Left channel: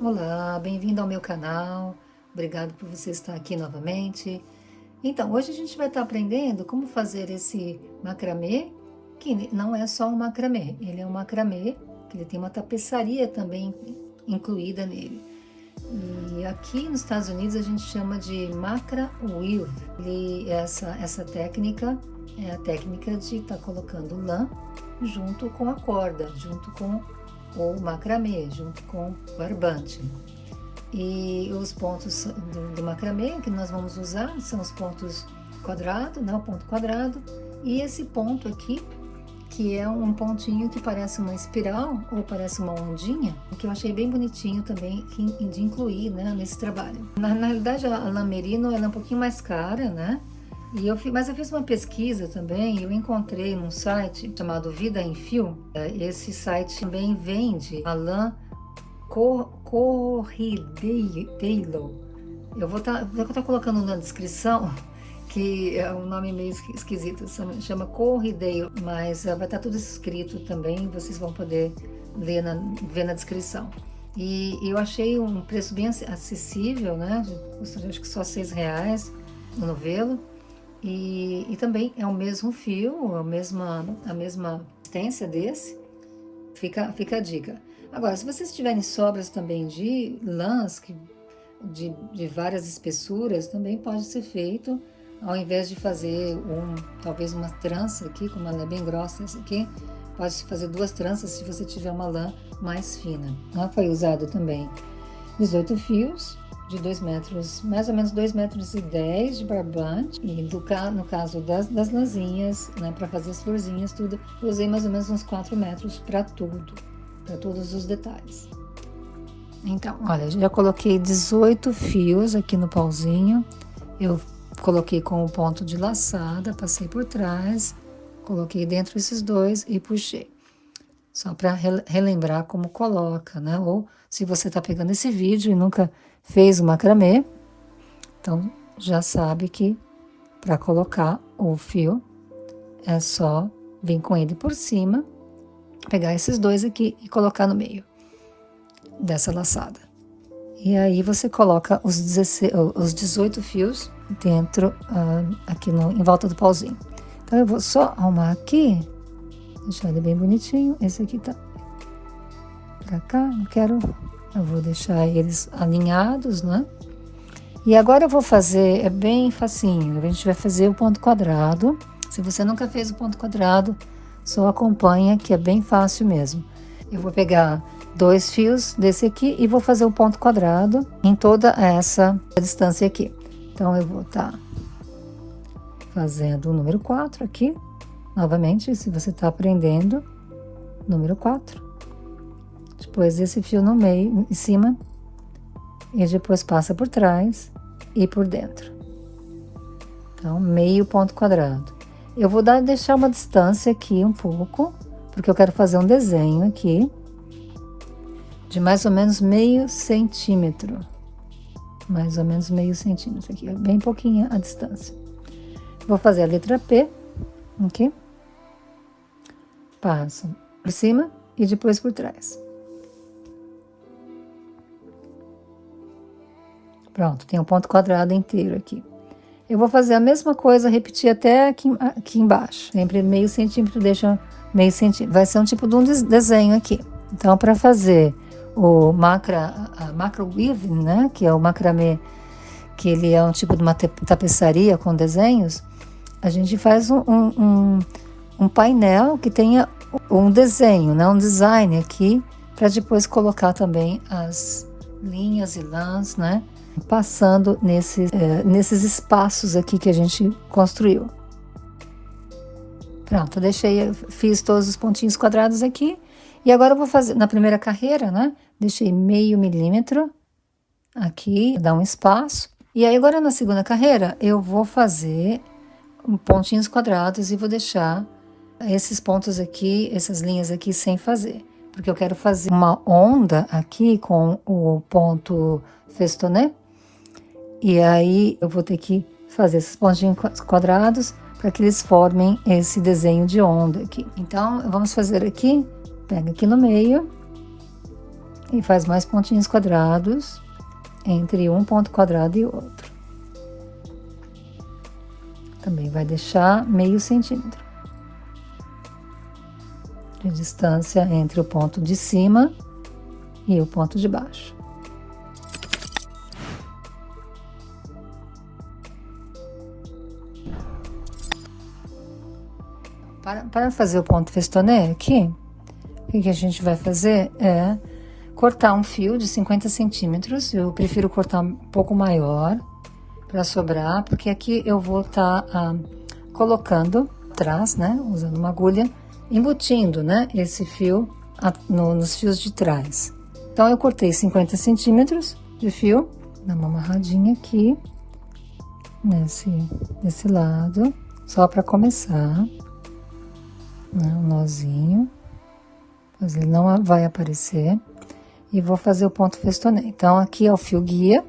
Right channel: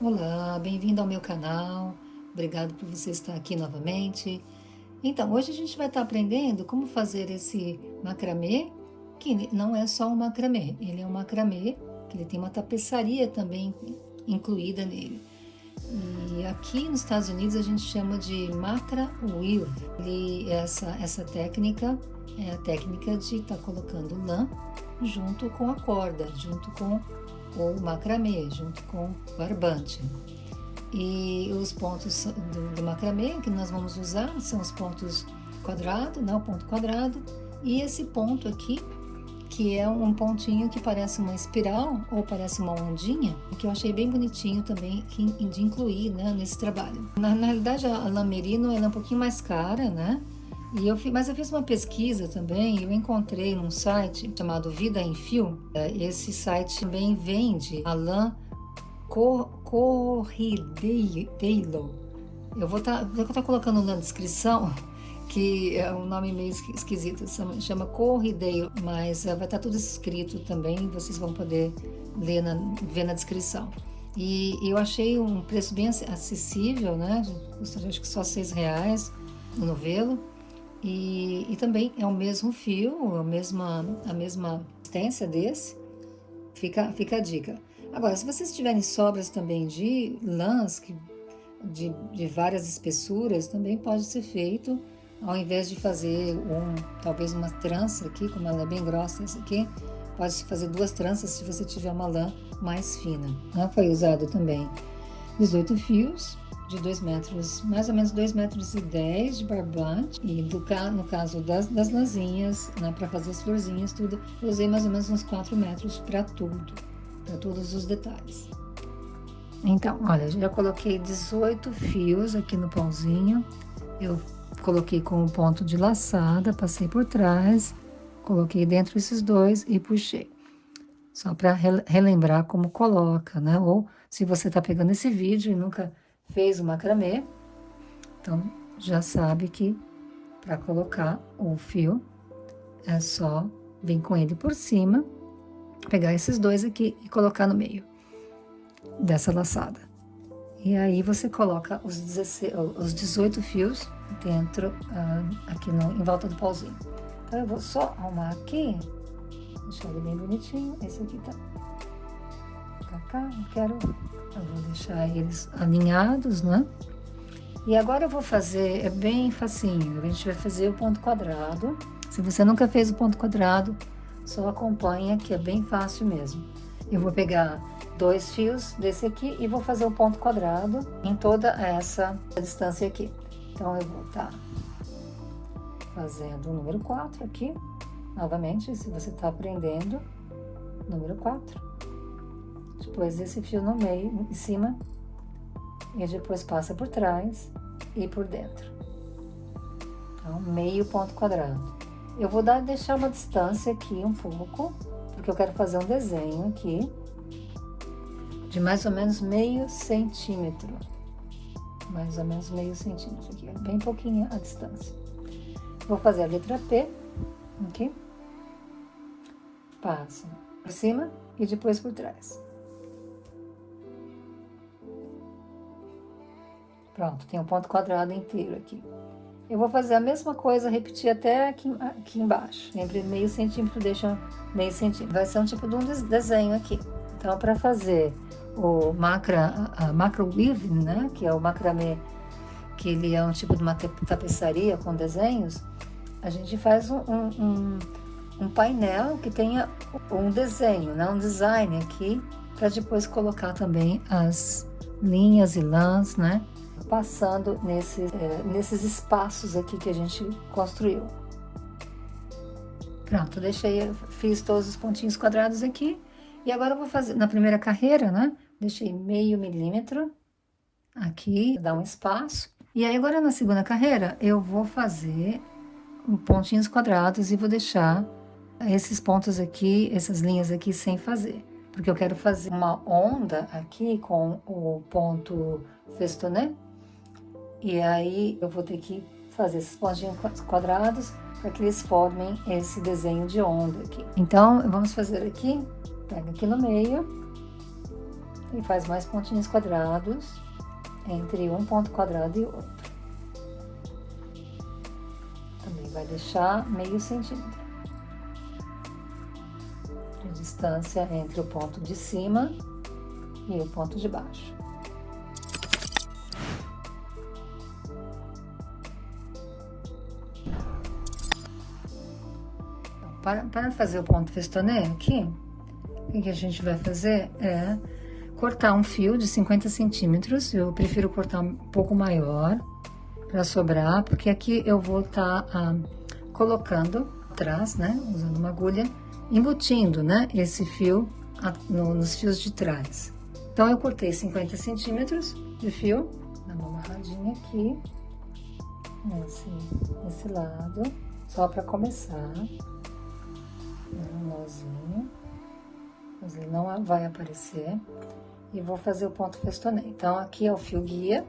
Olá, bem-vindo ao meu canal. Obrigado por você estar aqui novamente. Então, hoje a gente vai estar aprendendo como fazer esse macramê, que não é só um macramê, ele é um macramê que ele tem uma tapeçaria também incluída nele. E aqui nos Estados Unidos a gente chama de macra weave. E essa técnica é a técnica de estar colocando lã junto com a corda, junto com o macramê, junto com o barbante. E os pontos do macramê que nós vamos usar são os pontos quadrado, né, o ponto quadrado, e esse ponto aqui, que é um pontinho que parece uma espiral ou parece uma ondinha, que eu achei bem bonitinho também de incluir, né, nesse trabalho. Na realidade, a lã merino ela é um pouquinho mais cara, né? Mas eu fiz uma pesquisa também, eu encontrei num site chamado Vida em Fio. Esse site também vende a lã Corrideiro. Eu vou estar colocando na descrição, que é um nome meio esquisito, chama Corrideiro, mas vai estar tudo escrito também, vocês vão poder ver na descrição. E eu achei um preço bem acessível, né? Custa acho que só R$ 6 no novelo. E também é o mesmo fio, a mesma existência desse. Fica a dica. Agora, se vocês tiverem sobras também de lãs de várias espessuras, também pode ser feito, ao invés de fazer talvez uma trança aqui, como ela é bem grossa essa aqui, pode fazer 2 tranças se você tiver uma lã mais fina. Foi usado também 18 fios de 2 metros, mais ou menos 2,10 metros de barbante, e no caso das lãzinhas, né, para fazer as florzinhas, tudo, eu usei mais ou menos uns 4 metros para tudo, para todos os detalhes. Então, olha, já coloquei 18 fios aqui no pauzinho, eu coloquei com o ponto de laçada, passei por trás, coloquei dentro esses 2 e puxei. Só para relembrar como coloca, né? Ou se você está pegando esse vídeo e nunca fez o macramê, então já sabe que para colocar o fio é só vir com ele por cima, pegar esses 2 aqui e colocar no meio dessa laçada. E aí você coloca os 18 fios dentro, aqui em volta do pauzinho. Então eu vou só arrumar aqui, deixar ele bem bonitinho. Esse aqui tá pra cá, eu vou deixar eles alinhados, né? E agora eu vou fazer, é bem facinho, a gente vai fazer o ponto quadrado. Se você nunca fez o ponto quadrado, só acompanha, que é bem fácil mesmo. Eu vou pegar 2 fios desse aqui e vou fazer o ponto quadrado em toda essa distância aqui. Então, eu vou estar fazendo o número 4 aqui, novamente, se você está aprendendo, número 4. Depois esse fio no meio, em cima, e depois passa por trás e por dentro. Então, meio ponto quadrado. Eu vou deixar uma distância aqui um pouco, porque eu quero fazer um desenho aqui de mais ou menos meio centímetro. Mais ou menos meio centímetro aqui, bem pouquinha a distância. Vou fazer a letra P aqui. Passo por cima e depois por trás. Pronto, tem um ponto quadrado inteiro aqui. Eu vou fazer a mesma coisa, repetir até aqui embaixo. Sempre meio centímetro, deixa meio centímetro. Vai ser um tipo de um desenho aqui. Então, para fazer o macra weave, né, que é o macramê, que ele é um tipo de uma tapeçaria com desenhos, a gente faz um painel que tenha um desenho, né, um design aqui, para depois colocar também as linhas e lãs, né, passando nesses espaços aqui que a gente construiu. Pronto, fiz todos os pontinhos quadrados aqui. E agora eu vou fazer, na primeira carreira, né, deixei meio milímetro aqui, dar um espaço. E aí agora na segunda carreira eu vou fazer pontinhos quadrados e vou deixar esses pontos aqui, essas linhas aqui sem fazer. Porque eu quero fazer uma onda aqui com o ponto festoné. E aí eu vou ter que fazer esses pontinhos quadrados para que eles formem esse desenho de onda aqui. Então, vamos fazer aqui, pega aqui no meio, E faz mais pontinhos quadrados entre um ponto quadrado e outro. Também vai deixar meio centímetro de distância entre o ponto de cima e o ponto de baixo. Para fazer o ponto festonê aqui, o que a gente vai fazer é cortar um fio de 50 centímetros. Eu prefiro cortar um pouco maior para sobrar, porque aqui eu vou estar colocando atrás, né, usando uma agulha, embutindo, né, esse fio nos fios de trás. Então, eu cortei 50 centímetros de fio, dá uma amarradinha aqui, nesse lado, só para começar, né, um nozinho, mas ele não vai aparecer, e vou fazer o ponto festonê. Então, aqui é o fio guia,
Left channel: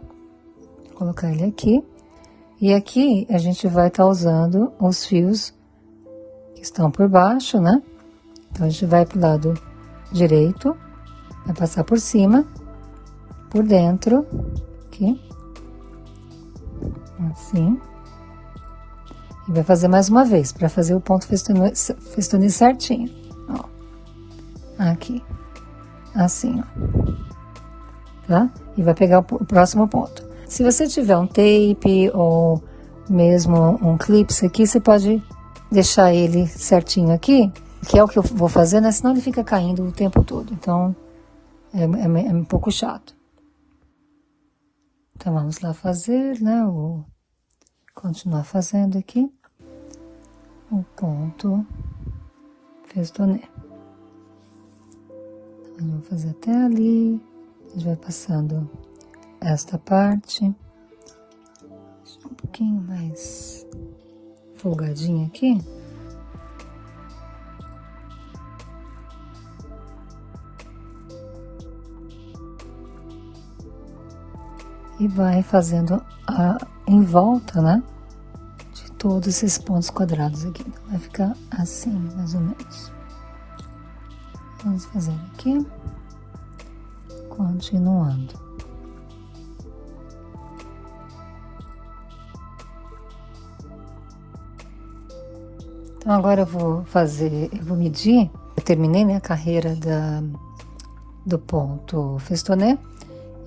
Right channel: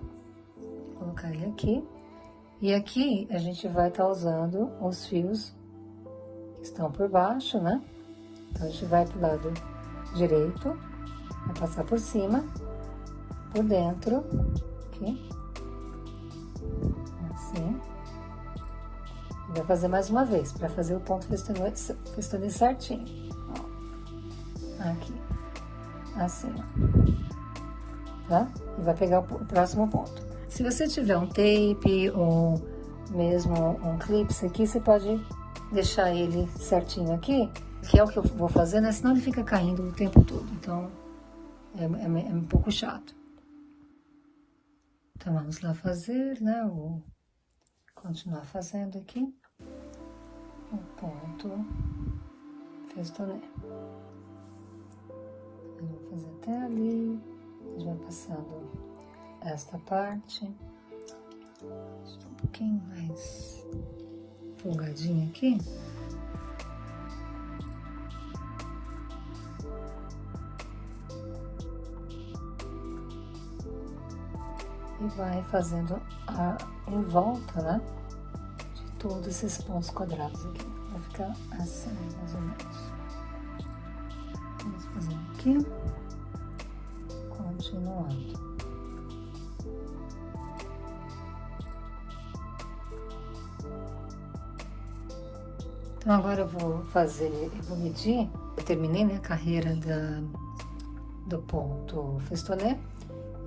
vou colocar ele aqui, e aqui a gente vai estar usando os fios que estão por baixo, né? Então, a gente vai pro lado direito, vai passar por cima, por dentro, aqui, assim. E vai fazer mais uma vez, para fazer o ponto festonê certinho, ó. Aqui, assim, ó. Tá? E vai pegar o próximo ponto. Se você tiver um tape ou mesmo um clips aqui, você pode deixar ele certinho aqui, que é o que eu vou fazer, né? Senão ele fica caindo o tempo todo. Então, é um pouco chato. Então, vamos lá fazer, né? Vou continuar fazendo aqui o ponto festonê. Então, vou fazer até ali. A gente vai passando esta parte. Um pouquinho mais folgadinho aqui. E vai fazendo em volta, né, de todos esses pontos quadrados aqui. Vai ficar assim, mais ou menos. Vamos fazer aqui. Continuando. Então, agora eu vou medir. Eu terminei, né, a carreira do ponto festonê.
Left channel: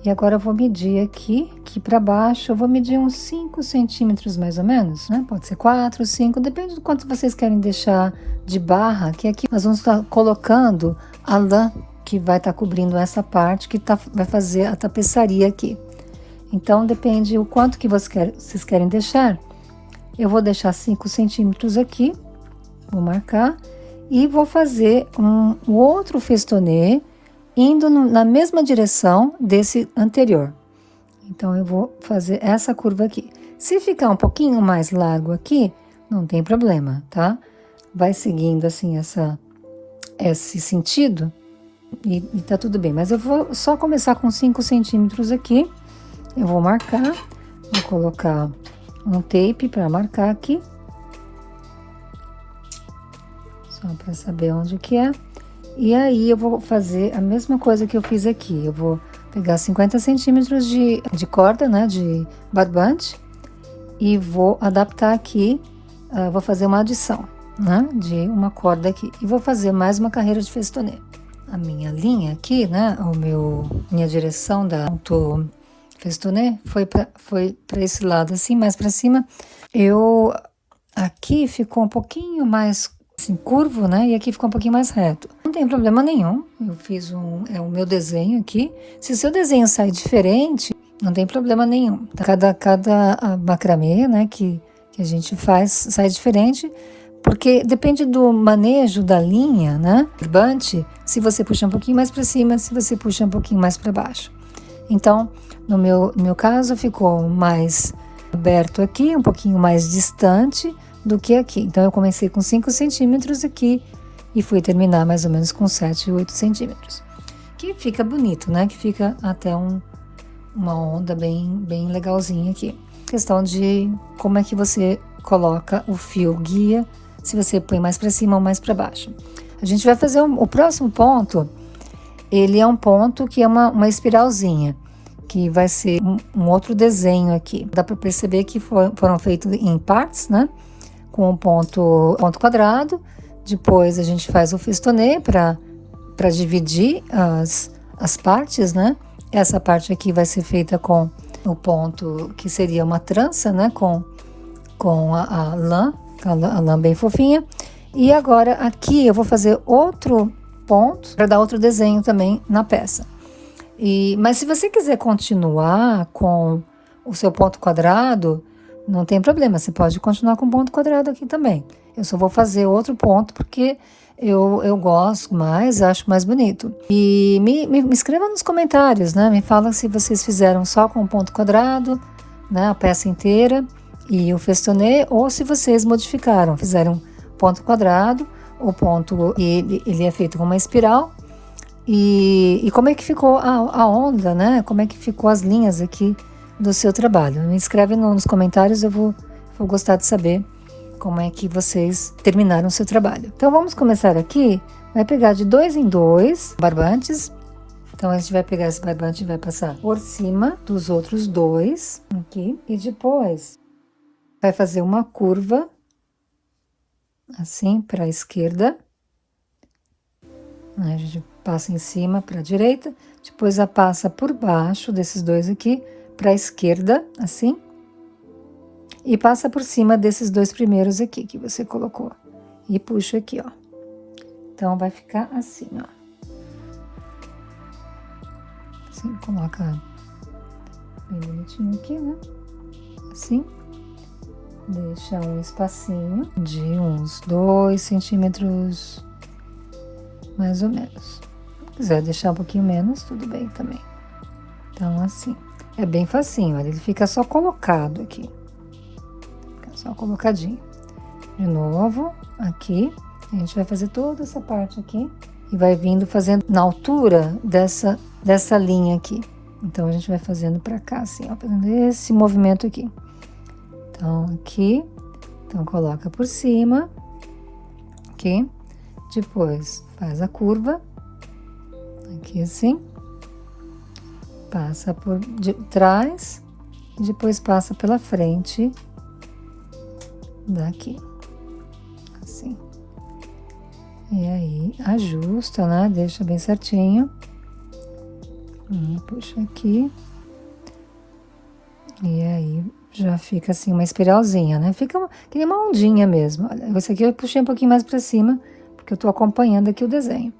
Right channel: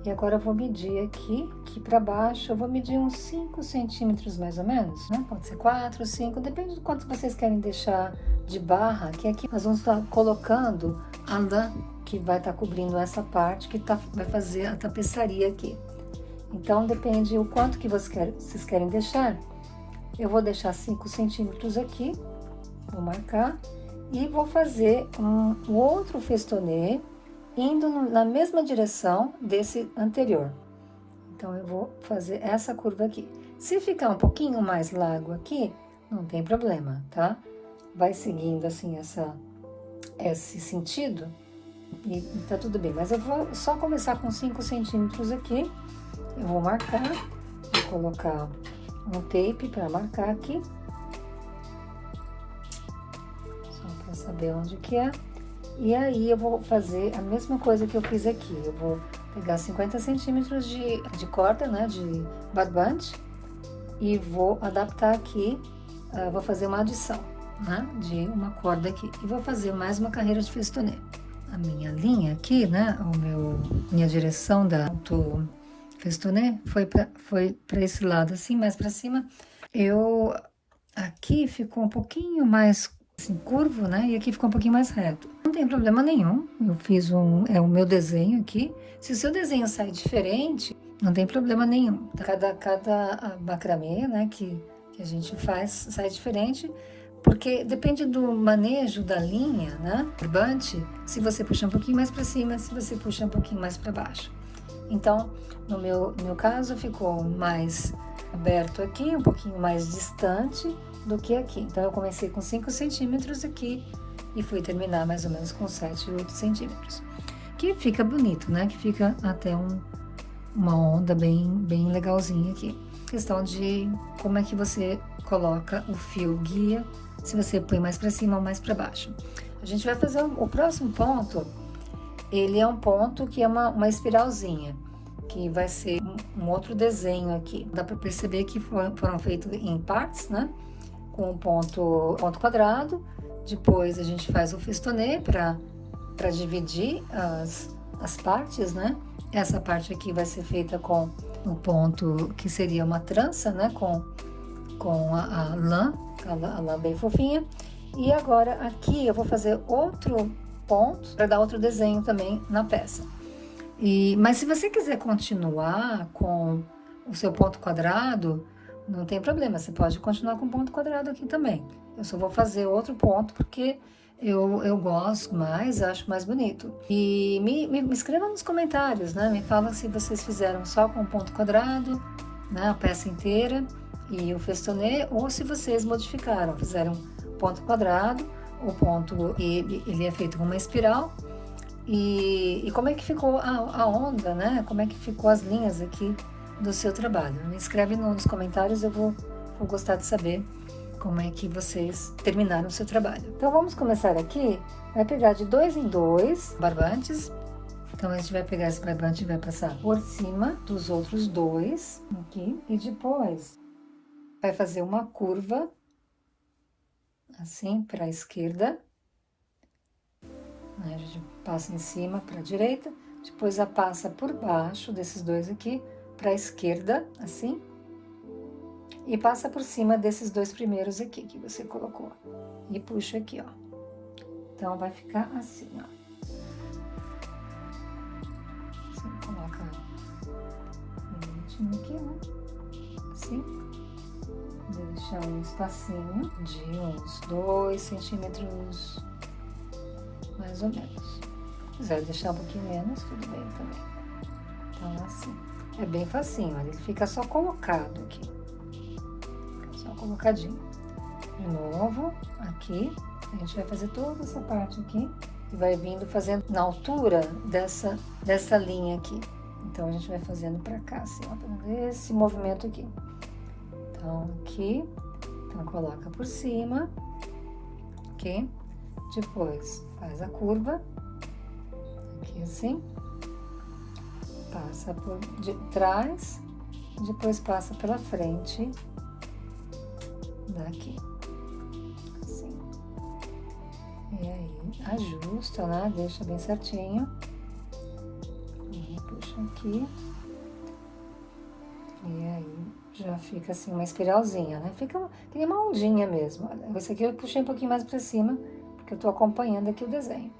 E agora eu vou medir aqui para baixo, eu vou medir uns 5 centímetros mais ou menos, né? Pode ser 4, 5, depende do quanto vocês querem deixar de barra, que aqui nós vamos estar colocando a lã que vai estar cobrindo essa parte, que vai fazer a tapeçaria aqui. Então, depende o quanto que vocês querem deixar. Eu vou deixar 5 centímetros aqui, vou marcar, e vou fazer um outro festonê, indo na mesma direção desse anterior. Então, eu vou fazer essa curva aqui. Se ficar um pouquinho mais largo aqui, não tem problema, tá? Vai seguindo assim esse sentido e tá tudo bem. Mas eu vou só começar com 5 centímetros aqui. Eu vou marcar, vou colocar um tape para marcar aqui. Só para saber onde que é. E aí, eu vou fazer a mesma coisa que eu fiz aqui. Eu vou pegar 50 centímetros de corda, né, de barbante, e vou adaptar aqui, vou fazer uma adição, né, de uma corda aqui. E vou fazer mais uma carreira de festonê. A minha linha aqui, né, minha direção da ponto festonê foi para esse lado, assim, mais para cima. Aqui ficou um pouquinho mais assim, curvo, né? E aqui ficou um pouquinho mais reto. Não tem problema nenhum. Eu fiz o meu desenho aqui. Se o seu desenho sair diferente, não tem problema nenhum. Cada macramê, né, que a gente faz, sai diferente, porque depende do manejo da linha, né? Barbante, se você puxa um pouquinho mais para cima, se você puxa um pouquinho mais para baixo. Então, no meu caso, ficou mais aberto aqui, um pouquinho mais distante do que aqui. Então, eu comecei com 5 centímetros aqui e fui terminar mais ou menos com 7, 8 centímetros. Que fica bonito, né? Que fica até uma onda bem legalzinha aqui. Questão de como é que você coloca o fio guia, se você põe mais para cima ou mais para baixo. A gente vai fazer o próximo ponto. ele é um ponto que é uma espiralzinha, que vai ser um outro desenho aqui. Dá para perceber que foram feitos em partes, né? Com um ponto quadrado. Depois a gente faz o festonê para dividir as partes, né? Essa parte aqui vai ser feita com o ponto que seria uma trança, né? Com a lã bem fofinha. E agora aqui eu vou fazer outro ponto para dar outro desenho também na peça. Mas se você quiser continuar com o seu ponto quadrado, não tem problema, você pode continuar com ponto quadrado aqui também. Eu só vou fazer outro ponto porque eu gosto mais, acho mais bonito. E me escreva nos comentários, né? Me fala se vocês fizeram só com ponto quadrado, né? A peça inteira e o festonê, ou se vocês modificaram, fizeram ponto quadrado, o ponto ele é feito com uma espiral. E como é que ficou a onda, né? Como é que ficou as linhas aqui do seu trabalho? Me escreve nos comentários, eu vou gostar de saber como é que vocês terminaram o seu trabalho. Então vamos começar aqui, vai pegar de 2 em 2 barbantes. Então a gente vai pegar esse barbante e vai passar por cima dos outros 2 aqui. E depois vai fazer uma curva, assim, para a esquerda. A gente passa em cima para a direita, depois a passa por baixo desses 2 aqui, para a esquerda, assim. E passa por cima desses 2 primeiros aqui que você colocou. E puxa aqui, ó. Então, vai ficar assim, ó. Assim, coloca bem bonitinho aqui, né? Assim. Deixa um espacinho de uns 2 centímetros, mais ou menos. Se quiser deixar um pouquinho menos, tudo bem também. Então, assim. É bem facinho, olha, ele fica só colocado aqui. Só colocadinho. De novo, aqui, a gente vai fazer toda essa parte aqui e vai vindo fazendo na altura dessa linha aqui. Então, a gente vai fazendo pra cá, assim, ó, fazendo esse movimento aqui. Então, aqui, então coloca por cima, aqui, depois faz a curva, aqui assim, passa por de trás, depois passa pela frente, daqui, assim. E aí, ajusta, né? Deixa bem certinho. E puxa aqui. E aí, já fica assim, uma espiralzinha, né? Fica que nem uma ondinha mesmo. Olha, esse aqui eu puxei um pouquinho mais pra cima, porque eu tô acompanhando aqui o desenho.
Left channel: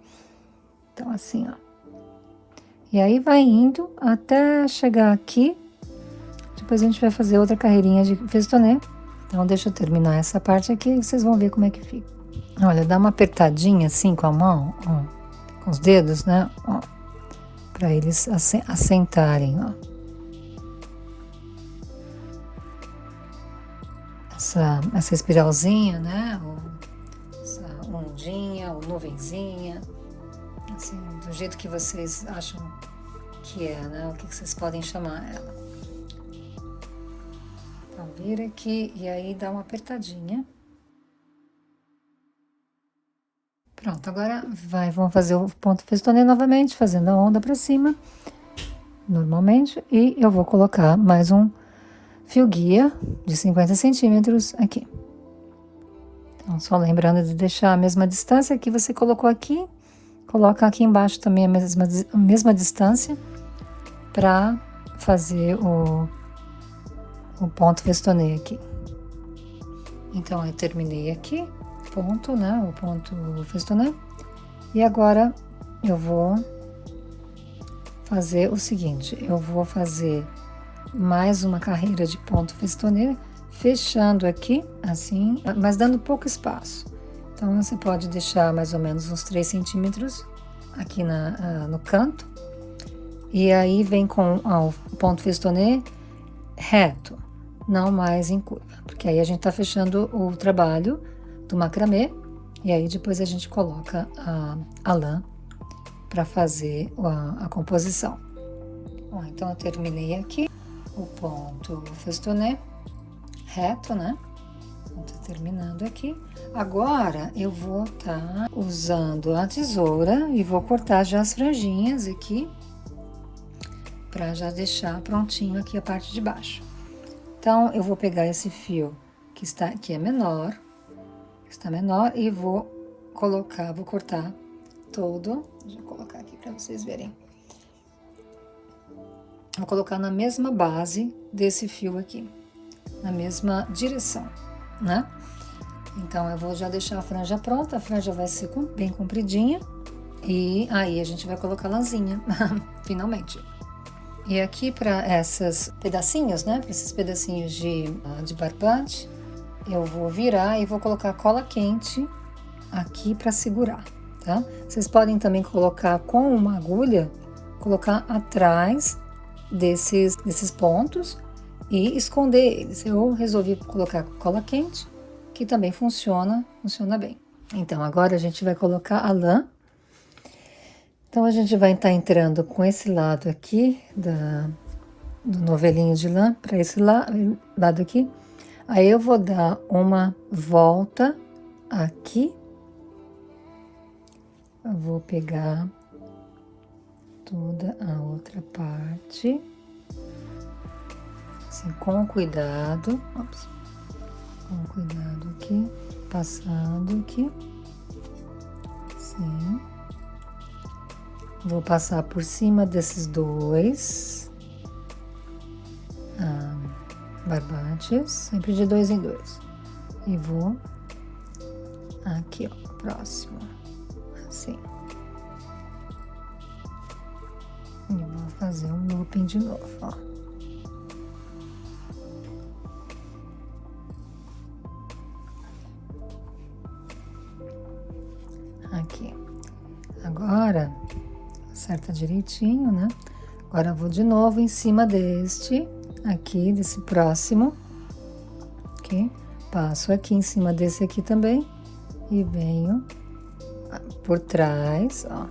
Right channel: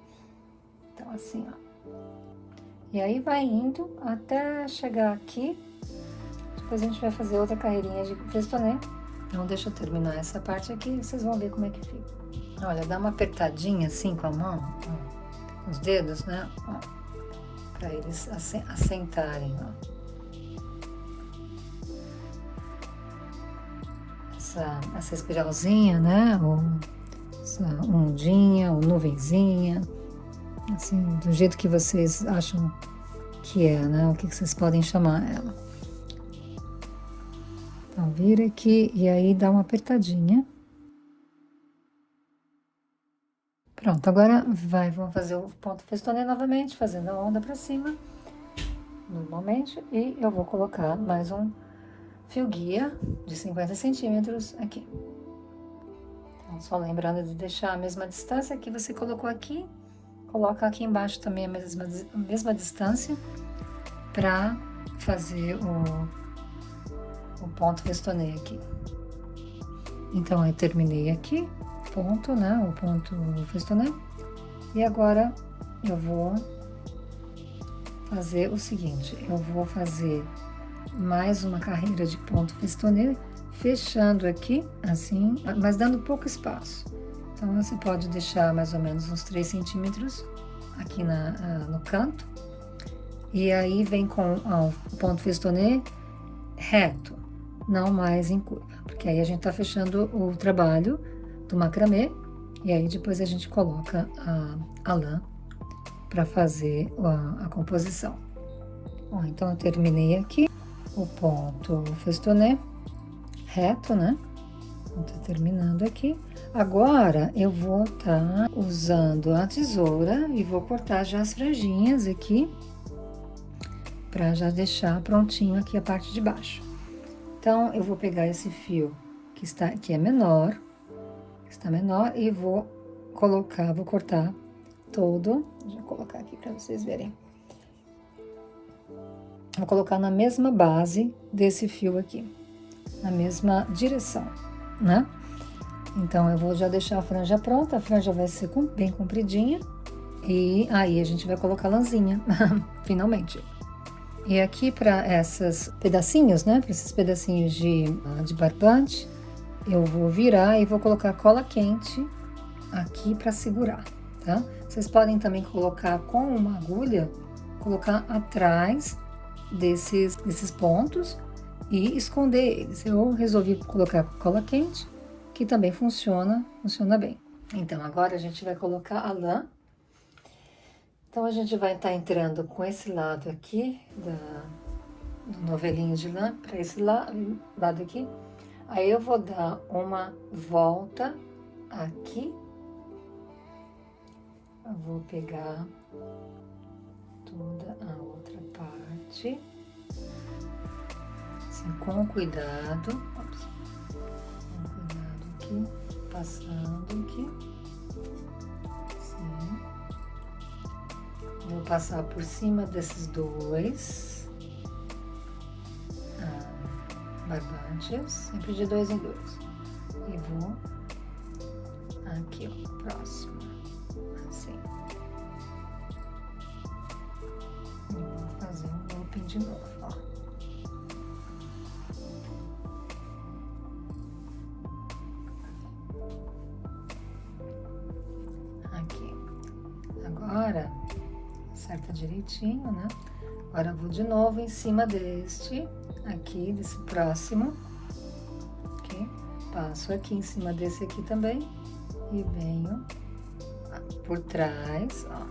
Então, assim, ó. E aí, vai indo até chegar aqui. Depois a gente vai fazer outra carreirinha de festonê. Então, deixa eu terminar essa parte aqui e vocês vão ver como é que fica. Olha, dá uma apertadinha assim com a mão, ó, com os dedos, né? Ó, pra eles assentarem, ó. Essa espiralzinha, né? Ou essa ondinha, ou nuvenzinha. Assim, do jeito que vocês acham que é, né? O que vocês podem chamar ela. Então, vira aqui e aí dá uma apertadinha. Pronto, agora vamos fazer o ponto festonê novamente, fazendo a onda pra cima, normalmente. E eu vou colocar mais um fio guia de 50 centímetros aqui. Então, só lembrando de deixar a mesma distância que você colocou aqui, coloca aqui embaixo também a mesma distância para fazer o ponto festonê aqui. Então, eu terminei aqui, ponto, né, o ponto festonê. E agora, eu vou fazer o seguinte, eu vou fazer mais uma carreira de ponto festonê, fechando aqui, assim, mas dando pouco espaço. Então, você pode deixar mais ou menos uns 3 centímetros aqui no canto. E aí, vem com o ponto festonê reto, não mais em curva. Porque aí a gente tá fechando o trabalho do macramê. E aí, depois a gente coloca a lã para fazer a composição. Bom, então, eu terminei aqui o ponto festonê reto, né? Então, tá terminando aqui. Agora, eu vou estar usando a tesoura e vou cortar já as franjinhas aqui, para já deixar prontinho aqui a parte de baixo. Então, eu vou pegar esse fio que é menor, está menor, e vou cortar todo. Deixa eu colocar aqui para vocês verem. Vou colocar na mesma base desse fio aqui, na mesma direção, né? Então, eu vou já deixar a franja pronta, a franja vai ser bem compridinha, e aí a gente vai colocar a lãzinha, finalmente. E aqui para esses pedacinhos, né, para esses pedacinhos de barbante, eu vou virar e vou colocar cola quente aqui para segurar, tá? Vocês podem também colocar com uma agulha, colocar atrás desses pontos e esconder eles. Eu resolvi colocar cola quente, que também funciona bem. Então, agora a gente vai colocar a lã. Então, a gente vai estar entrando com esse lado aqui do novelinho de lã para esse lado aqui. Aí, eu vou dar uma volta aqui. Eu vou pegar toda a outra parte, assim, com cuidado. Ops. Com cuidado aqui, passando aqui, assim. Vou passar por cima desses dois barbantes, sempre de 2 em 2. E vou aqui, ó, próximo, assim. E vou fazer um looping de novo, ó. Aqui. Agora, acerta direitinho, né? Agora eu vou de novo em cima desse próximo, ok? Passo aqui em cima desse aqui também e venho por trás, ó.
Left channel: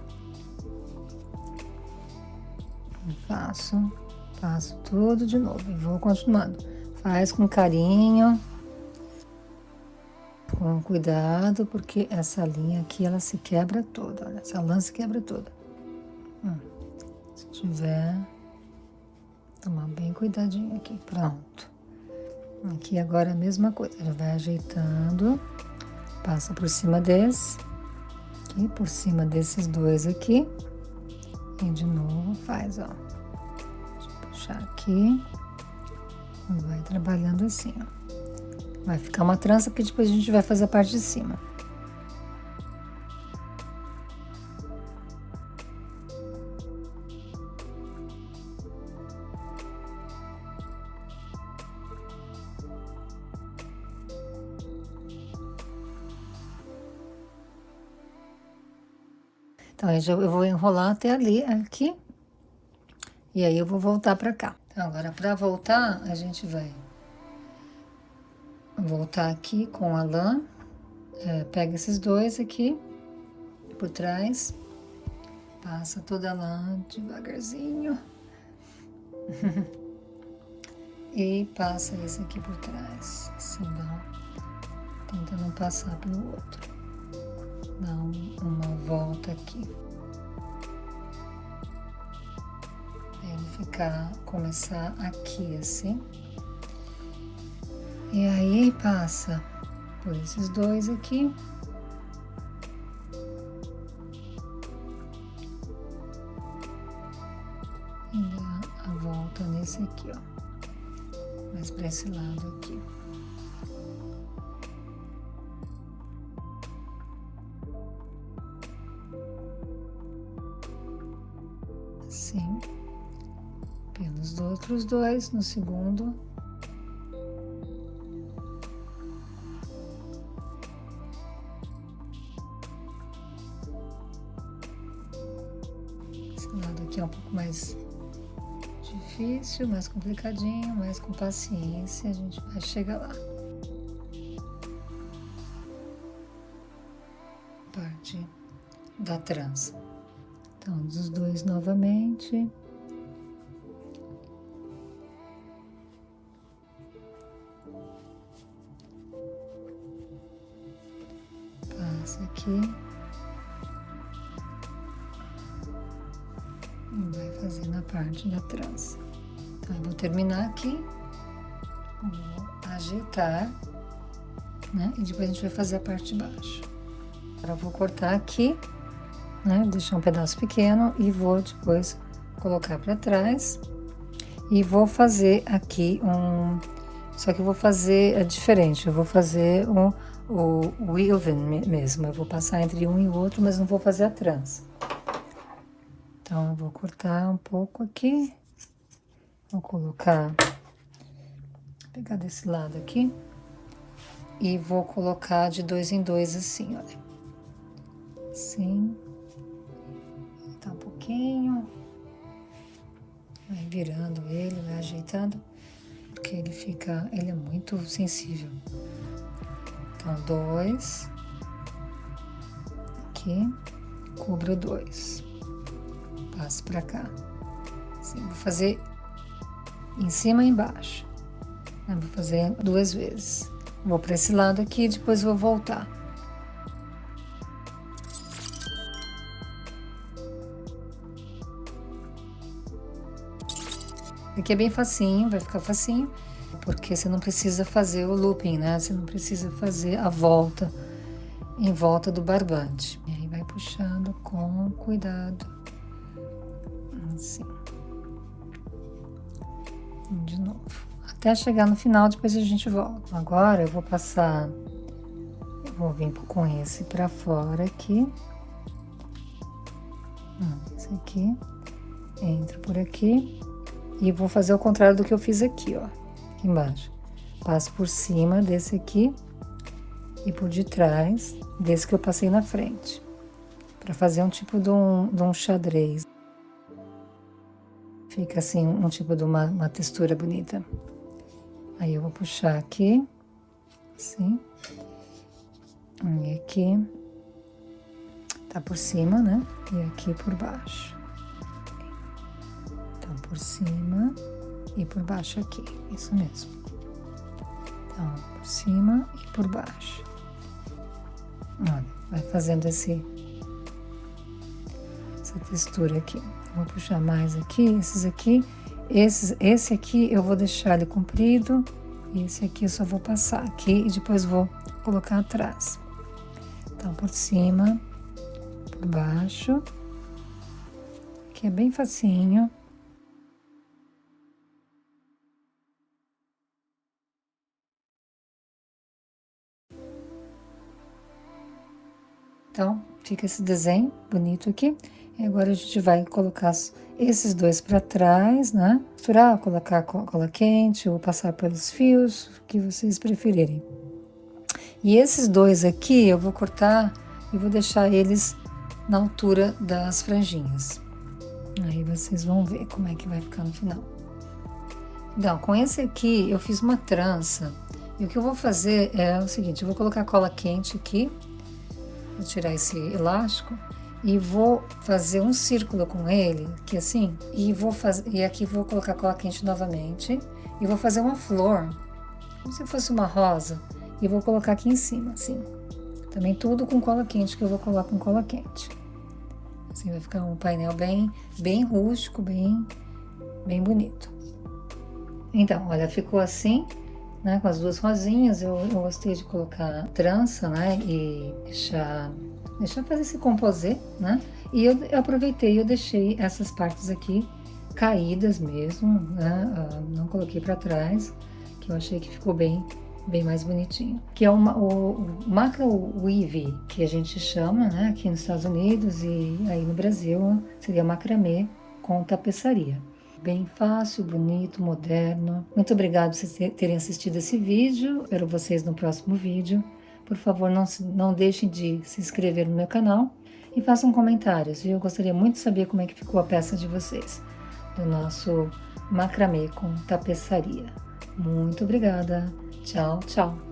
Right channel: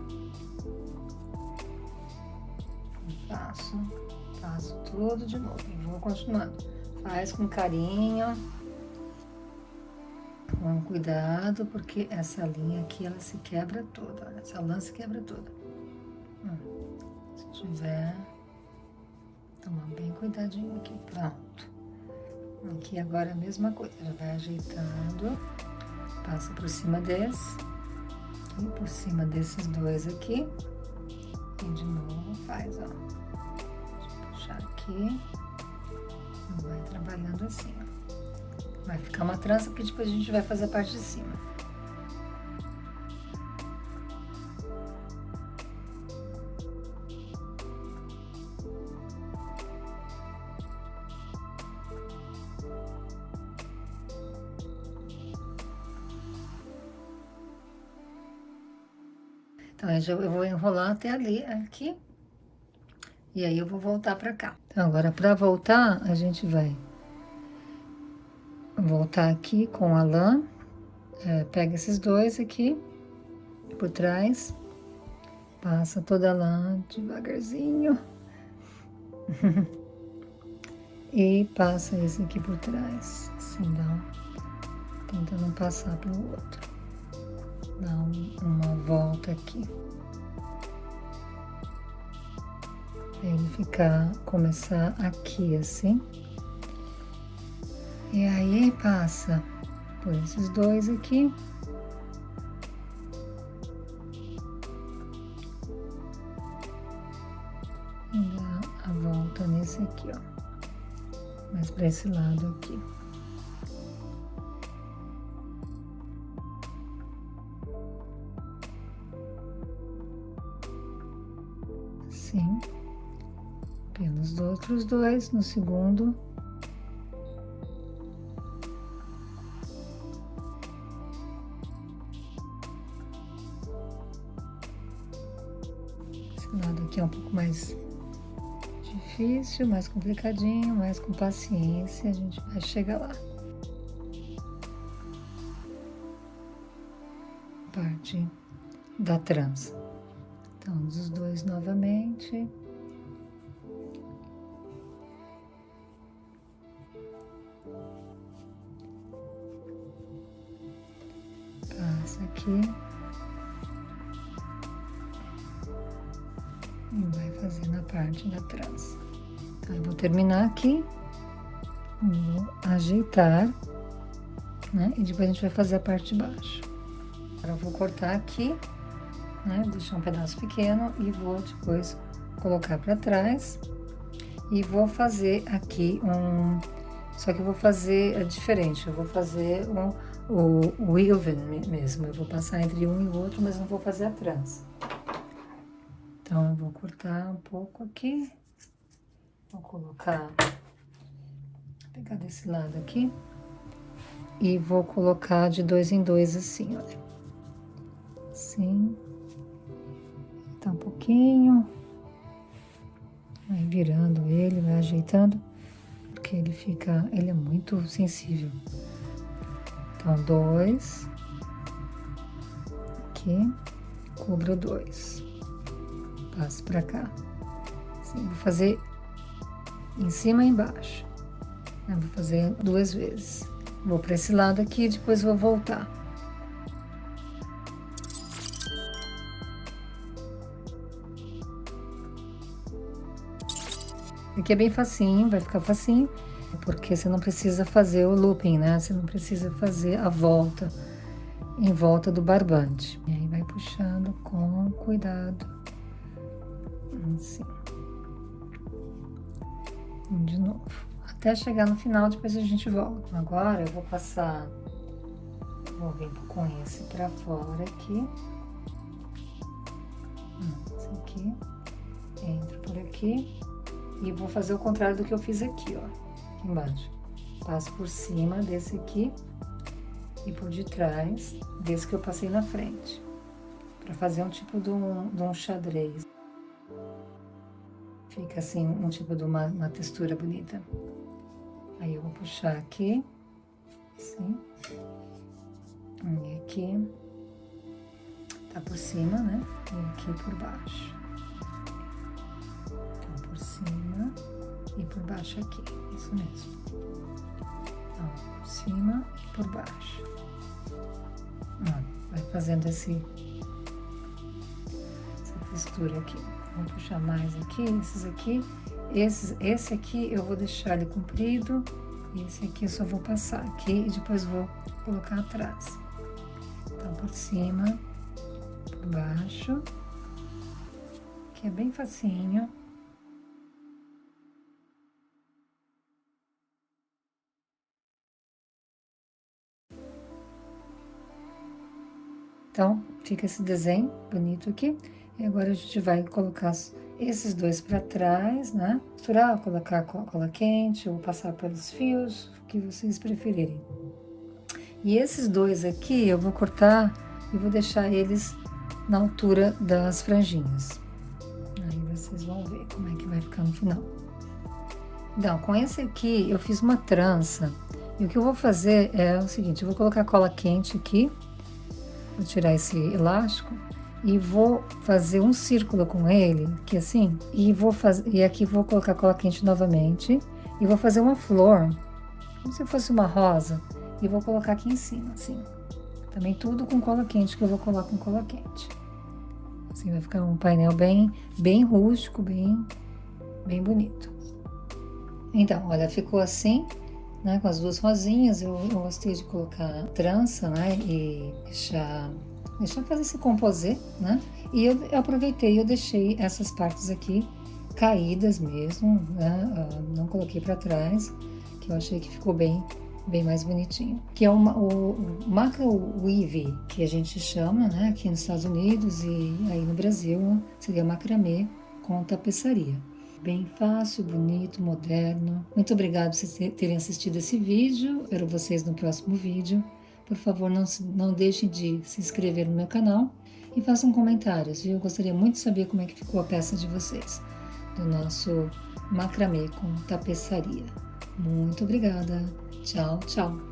Faço tudo de novo e vou continuando. Faz com carinho, com cuidado, porque essa linha aqui, ela se quebra toda, olha, essa lã se quebra toda. Se tiver, tomar bem cuidadinho aqui, pronto. Aqui agora é a mesma coisa, já vai ajeitando, passa por cima aqui, por cima desses dois aqui, e de novo faz, ó. Deixa eu puxar aqui, e vai trabalhando assim, ó. Vai ficar uma trança que depois a gente vai fazer a parte de cima. Então, eu vou enrolar até ali, aqui, e aí eu vou voltar pra cá. Então, agora, pra voltar, a gente vai voltar aqui com a lã, pega esses dois aqui, por trás, passa toda a lã devagarzinho, e passa esse aqui por trás, assim, tenta não passar pelo outro. Dá uma volta aqui. Pra ele começar aqui, assim. E aí, passa por esses dois aqui. E dá a volta nesse aqui, ó. Mas pra esse lado aqui. Assim, pelos outros dois, no segundo. Esse lado aqui é um pouco mais difícil, mais complicadinho, mas com paciência a gente vai chegar lá. Parte da trança. Então, dos dois novamente. aqui. E vai fazer na parte da trança. Então, eu vou terminar aqui, vou ajeitar, né? E depois a gente vai fazer a parte de baixo. Agora eu vou cortar aqui, né? Deixar um pedaço pequeno e vou depois colocar para trás. E vou fazer aqui só que eu vou fazer diferente, eu vou fazer o weaving mesmo. Eu vou passar entre um e o outro, mas não vou fazer a trança. Então, eu vou cortar um pouco aqui. Vou colocar, pegar desse lado aqui. E vou colocar de 2 em 2 assim, olha. Assim. Tá um pouquinho. Vai virando ele, vai ajeitando. Porque ele é muito sensível. Então, 2. Aqui. Cubro 2. Passo pra cá. Assim, vou fazer em cima e embaixo. Eu vou fazer 2 vezes. Vou para esse lado aqui, depois vou voltar. Aqui é bem facinho, vai ficar facinho, porque você não precisa fazer o looping, né? Você não precisa fazer a volta em volta do barbante. E aí vai puxando com cuidado. Assim. De novo. Até chegar no final, depois a gente volta. Agora eu vou passar, eu vou vir com esse pra fora aqui. Esse aqui. Entro por aqui. E vou fazer o contrário do que eu fiz aqui, ó. Aqui embaixo. Passo por cima desse aqui. E por detrás desse que eu passei na frente. Pra fazer um tipo de um xadrez. Fica assim, um tipo de uma textura bonita. Aí eu vou puxar aqui, assim, e aqui, tá por cima, né? E aqui por baixo. Então, por cima e por baixo aqui, isso mesmo. Então, por cima e por baixo. Olha, vai fazendo essa textura aqui. Vou puxar mais aqui, esses aqui. Esse aqui eu vou deixar ele comprido. E esse aqui eu só vou passar aqui e depois vou colocar atrás. Então, por cima, por baixo. Que é bem facinho. Então, fica esse desenho bonito aqui. E agora a gente vai colocar esses dois para trás, né? Costurar, colocar cola quente ou passar pelos fios, o que vocês preferirem. E esses dois aqui eu vou cortar e vou deixar eles na altura das franjinhas. Aí vocês vão ver como é que vai ficar no final. Então, com esse aqui eu fiz uma trança. E o que eu vou fazer é o seguinte, eu vou colocar cola quente aqui. Vou tirar esse elástico. E vou fazer um círculo com ele, aqui assim, e aqui vou colocar cola quente novamente, e vou fazer uma flor, como se fosse uma rosa, e vou colocar aqui em cima, assim. Também tudo com cola quente, que eu vou colar com cola quente. Assim vai ficar um painel bem rústico, bem bonito. Então, olha, ficou assim, né, com as duas rosinhas. Eu gostei de colocar trança, né, e deixar fazer esse composê, né? E eu aproveitei, eu deixei essas partes aqui caídas mesmo, né? Não coloquei para trás, que eu achei que ficou bem mais bonitinho. Que é o macro weave, que a gente chama, né? Aqui nos Estados Unidos e aí no Brasil seria macramê com tapeçaria. Bem fácil, bonito, moderno. Muito obrigada por vocês terem assistido esse vídeo. Espero vocês no próximo vídeo. Por favor, não deixem de se inscrever no meu canal e façam comentários, viu? Eu gostaria muito de saber como é que ficou a peça de vocês, do nosso macramê com tapeçaria. Muito obrigada. Tchau, tchau.